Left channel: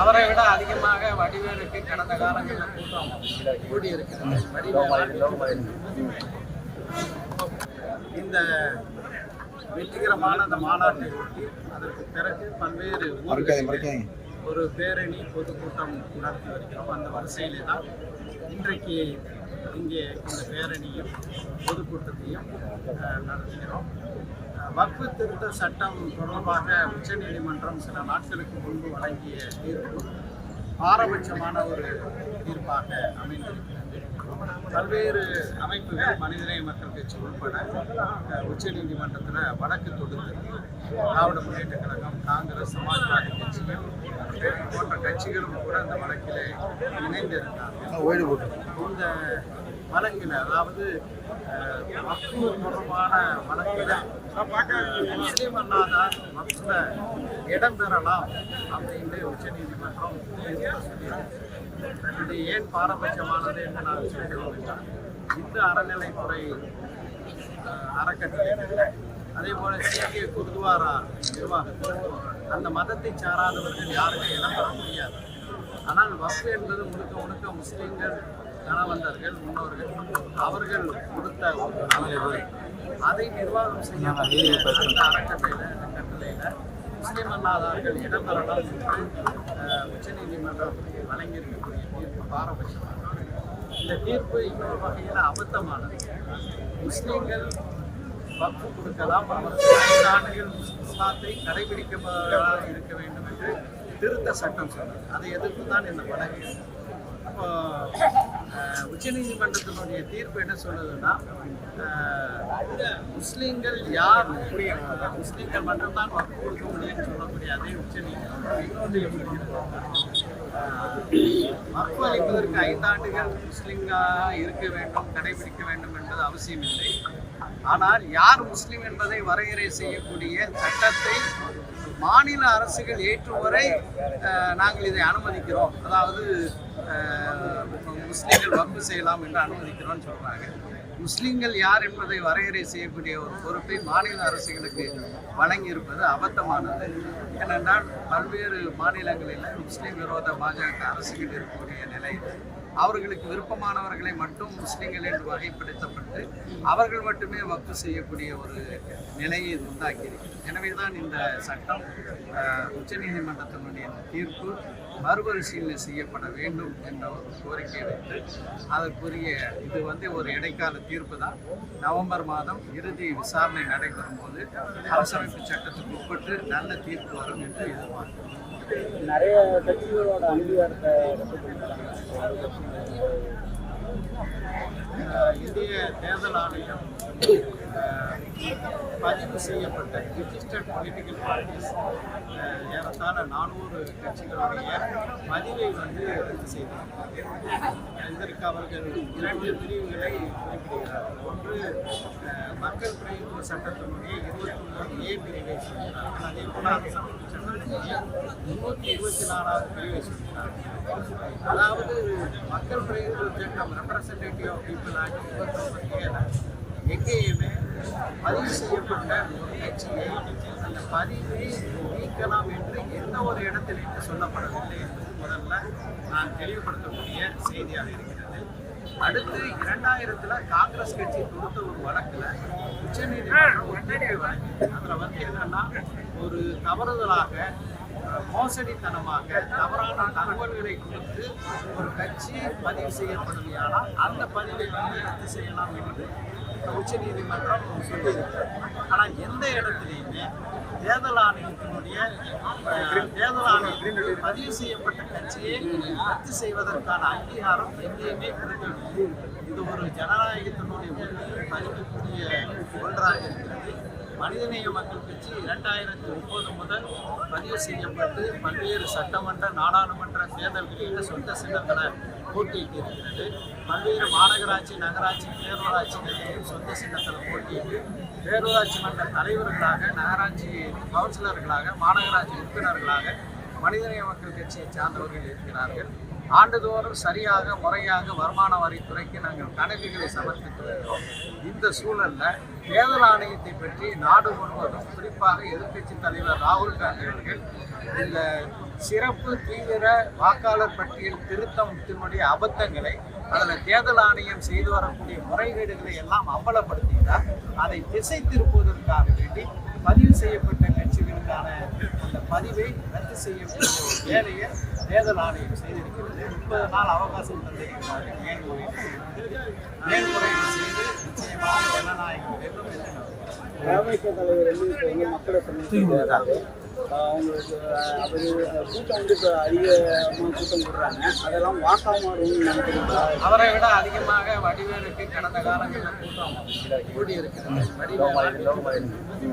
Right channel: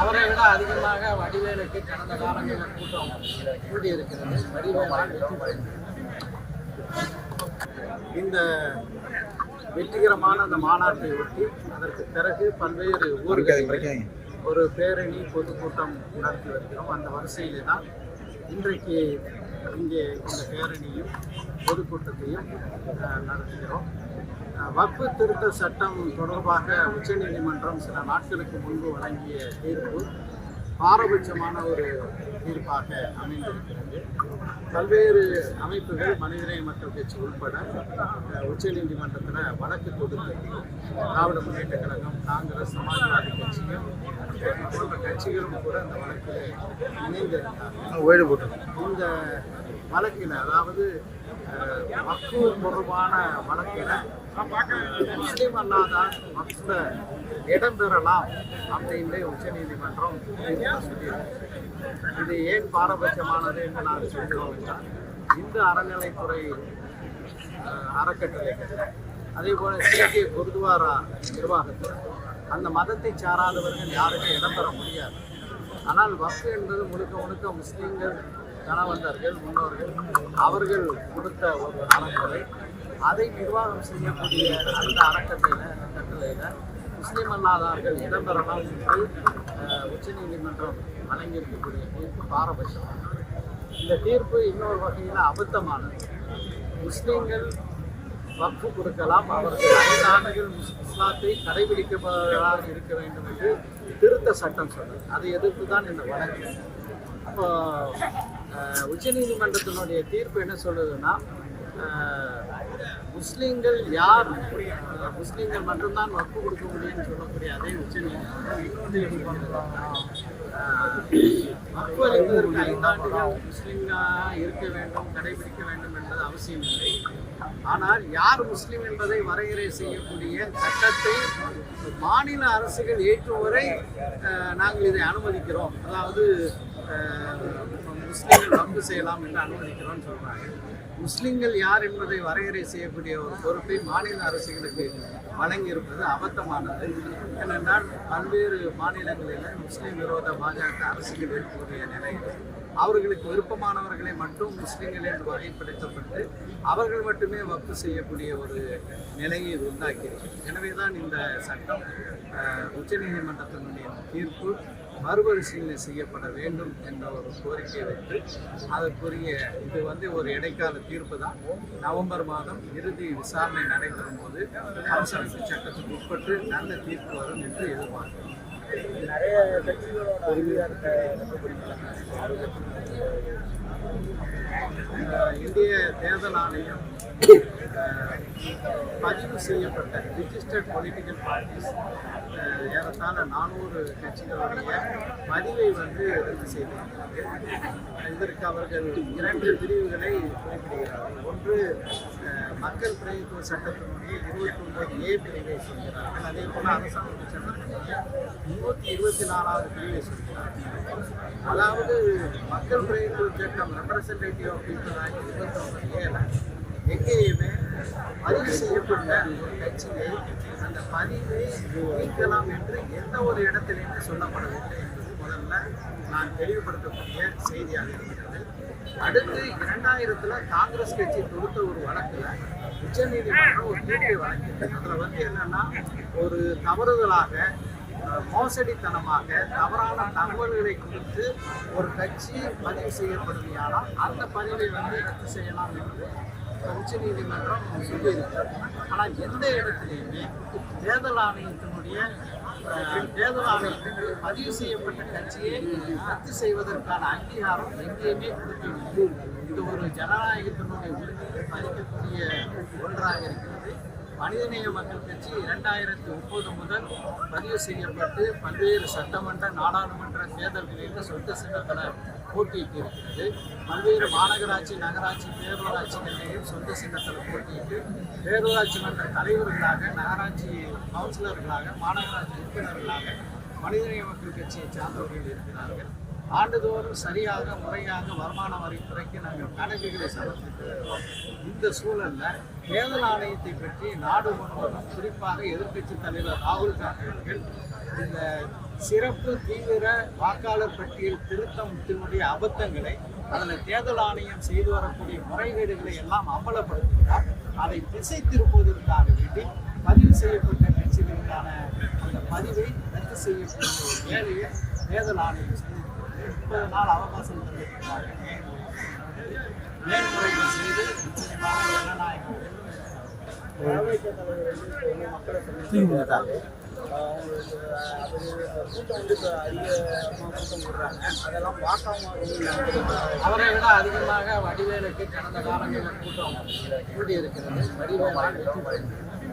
அவரை விட அதிகமாக வடிவேலுக்கு கடந்த காலங்களில் கூட்டம் கூடியிருக்கிறது. வடிவேலால் இந்த வெற்றிகரமான அந்த மாநாட்டை ஒட்டி அதற்கு பிறகு பல்வேறு ஊர்களில் ஒரு பேரணி பொதுக்கூட்டம் நடத்தி வருகிறோம். அந்த வரிசையிலே தான் இன்றைக்கு இங்கே இந்த பேரணியும் பொதுக்கூட்டத்தையும் நடத்துகிறோம். வக்ஃபு திருத்த சட்டம் தொடர்பாக உச்சநீதிமன்றம் சில நாட்களுக்கு முன்பு வழங்கிய தீர்ப்பு பாரபட்சமான ஒரு தீர்ப்பாக அமைந்திருக்கிறது. பல்வேறு அமைப்புகள் மனிதநேய மக்கள் கட்சி உட்பட அஹ், உச்சநீதிமன்றத்தில் வழக்கு தொடுத்திருக்கிறோம். திராவிட முன்னேற்ற கழகம் காங்கிரஸ் சமாஜ்வாதி கட்சியும் போன்ற கட்சிகளும் கூட இந்த வழக்கில் இணைந்திருந்தார்கள். இந்த வழக்கில் அதாவது அஹ், தொடர்பான வழக்கில் முஸ்லீம் அல்லாத வக்ஃபில் இடம்பெறலாம் அப்படின்னு உச்சநீதிமன்றம் இது ஏன் பாரபட்சமானது என்று நான் சொல்கிறோம் என்றால் இந்து அறநிலைத்துறை அறக்கட்டளைகளில் அதே போல சீக்கிய குருத்வாரா நிர்வாகத்தில் அந்த மதத்தை சாராதவர்கள் யாருமே இடம்பெற முடியாது. ஆனால் வக்ஃபு என்பது முழுக்க முழுக்க முஸ்லீம்கள் கணவந்தர்கள் முன்னோர்கள் அவர்கள் கொடுத்த ஒரு அறநிலை அதை நிர்வாகம் செய்யக்கூடிய அந்த அறக்கட்டளையில் கட்டளையில் முஸ்லீம் அல்லாதார்கள் இடம்பெறலாம் என்று உச்சநீதிமன்றம் வழங்கியிருக்கக்கூடிய தீர்ப்பு பாரபட்சமானது. இந்த தீர்ப்பு இன்னொரு வகையில் அபத்தமானது. முஸ்லீம்கள் வக்கு கொடுக்கலாம். அவர்கள் ஐந்து ஆண்டுகள் இஸ்லாத்தை கடைபிடிக்கப்பவர்களாக இருக்க வேண்டும் என்று திருத்த சட்டம் சொன்னது. அதை எதிர்த்து தான் இந்த வழக்கு. அப்போ உச்சநீதிமன்றத்தினுடைய தீர்ப்பு என்ன சொல்லுதுன்னா முஸ்லீம்கள் யார் முஸ்லீம்கள் மட்டும்தான் வக்கு கொடுக்க முடியும்னு சொல்லக்கூடிய அதே உச்சநீதிமன்றம் வக்கு அளிப்பதற்கு ஐந்தாண்டுகள் முஸ்லீம்களாக இருக்க வேண்டும் கடைபிடிக்க வேண்டும் என்பது அவசியமில்லை. ஆனால் யார் முஸ்லீம் என்பதை வரையறை செய்யக்கூடிய சட்டத்தை மாநில அரசுகள் ஏற்றும் வரை நாங்கள் இதை அனுமதிக்கிறோம். அதாவது முஸ்லீம்கள் வக்கு செய்யலாம் என்று அனுமதிக்கிறோம்னு சொல்கிறாங்க முஸ்லீம்கள் யார் என்பதை வரையறை செய்யக்கூடிய ஒரு பொறுப்பை மாநில அரசுகளுக்கு வழங்கியிருப்பது அபத்தமானது. ஏனென்றால் பல்வேறு மாநிலங்களில் முஸ்லீம் விரோத பாஜக அரசுகள் இருக்கக்கூடிய நிலையில் அவர்களுக்கு விருப்பமானவர்களை மட்டும் முஸ்லீம்கள் என்று வகைப்படுத்தப்பட்டு அவர்கள் மட்டுமே வக்கு செய்யக்கூடிய ஒரு நிலையை இது உண்டாக்கியிருக்கிறது எனவே தான் இந்த சட்டம் உச்சநீதிமன்றத்தினுடைய தீர்ப்பு மறுபரிசீலனை செய்யப்பட வேண்டும் என்ற ஒரு கோரிக்கை வைத்து அதற்குரிய இது வந்து ஒரு இடைக்கால தீர்ப்பு தான் நவம்பர் மாதம் இறுதி விசாரணை நடைபெறும் போது அரசமைப்பு சட்டத்துக்கு உட்பட்டு நல்ல தீர்ப்பு வரும் என்று எதிர்பார்க்கிறோம். நிறைய கட்சிகளோட அங்கீகாரத்தை இந்திய தேர்தல் ஆணையம் பதிவு செய்யப்பட்ட ரிஜிஸ்டர்ட் பொலிட்டிக்கல் பார்ட்டிஸ் ஏறத்தாழ நானூறு கட்சிகளுடைய பதிவை வந்து ரத்து செய்திருக்கிறது இதற்கு அவர்கள் இரண்டு பிரிவுகளை குறிப்பிடுகிறார்கள். ஒன்று மக்கள் பிரதிநிதித்துவ சட்டத்தினுடைய இருபத்தி ஒன்பது ஏ பிரிவை சொல்கிறார்கள். அதே போல அரசாங்க சட்டத்தினுடைய முன்னூற்றி இருபத்தி நாலாவது பிரிவை சொல்கிறார்கள். அதாவது மக்கள் பிரதிநிதித்துவ சட்டம் ரெப்ரசன்டேட்டிவ் ஆஃப் பீப்புள் ஆக்ட் இருபத்தொன்பது ஏல எங்கேயுமே பதிவு செய்யப்பட்ட ஒரு கட்சியை அந்த பதிவை நீக்கலாம் என்று எந்த ஒரு இடத்திலையுமே சொல்லப்படவில்லை என்பது முதல்ல நான் தெளிவுபடுத்தக்கூடிய செய்தியாக இருக்கிறது அடுத்து இரண்டாயிரத்துல காங்கிரஸ் கட்சி தொடுத்த ஒரு வழக்குல உச்சநீதிமன்றம் ஒரு தீர்ப்பை வழங்கியது அதுல வந்து என்னன்னா ஒரு தவறுதலாக மோசடித்தனமாக தவறான தகவல்களை கொடுத்து ஒரு கட்சி பதிவு செய்யப்படுமையானால் அந்த பதிவை வந்து ரத்து செய்யலாம் என்று உச்சநீதிமன்றம் சொல்லியிருக்கிறது ஆனால் எந்த இடத்துலையுமே தேர்தல் ஆணையத்தினுடைய தேர்தல் ஆணையத்திற்கு பதிவு செய்யப்பட்ட கட்சியை ரத்து செய்வதற்கான அங்கீகாரம் எங்கேயுமே கொடுக்கவில்லை. இது ஒரு ஜனநாயகத்தினுடைய உரிமையை பறிக்கக்கூடிய ஒன்றாக இருக்கிறது. மனிதநேய மக்கள் கட்சி இரண்டாயிரத்தி முப்பது முதல் பதிவு செய்யப்பட்டு பல்வேறு சட்டமன்ற நாடாளுமன்ற தேர்தல்களில் சொந்த சின்னத்தில் போட்டியிட்டு இருக்கிறது பல்வேறு மாநகராட்சி நகராட்சி பேரூராட்சிகளிலேயும் சொந்த சின்னத்தில் போட்டியிட்டு பேரூராட்சி மன்ற தலைவர்களாக நகராட்சி கவுன்சிலர்களாக மாநகராட்சி உறுப்பினர்களாக மனிதநேய மக்கள் கட்சியை சார்ந்தவர்கள் இருக்கிறார்கள். ஆண்டுதோறும் சரியாக முறையாக வருமான வரித்துறைக்கு நாங்கள் கணக்குகளை சமர்ப்பித்து வருகிறோம். இந்த சூழலில் தேர்தல் ஆணையத்தை பற்றி நாடு முழுவதும் குறிப்பாக எதிர்க்கட்சி தலைவர் ராகுல் காந்தி அவர்கள் இந்த சிறப்பு தீவிர வாக்காளர் பட்டியல் திருத்தத்தினுடைய அபத்தங்களை அதில் தேர்தல் ஆணையம் செய்து வரக்கூடிய முறைகேடுகளை எல்லாம் அம்பலப்படுத்துகிறார். அதை திசை திருப்புவதற்காக வேண்டி பதிவு செய்யப்பட்ட கட்சிகளுக்கான அந்த பதிவை ரத்து செய்யக்கூடிய ஒரு வேலையை தேர்தல் ஆணையம் செய்திருக்கிறது. முப்பது நாள் அவகாசம் தந்திருக்கிறார்கள் மேல்முறையீடு மேல்முறையீடு செய்து நிச்சயமாக ஜனநாயகம் வேண்டும் என்று தலைவர் மக்களை அதிகமாக அவரை விட அதிகமாக வடிவேலுக்கு கடந்த காலங்களில் கூட்டம் கூடியிருக்கிறது. வடிவேலால் வெற்றி பெறுகிறது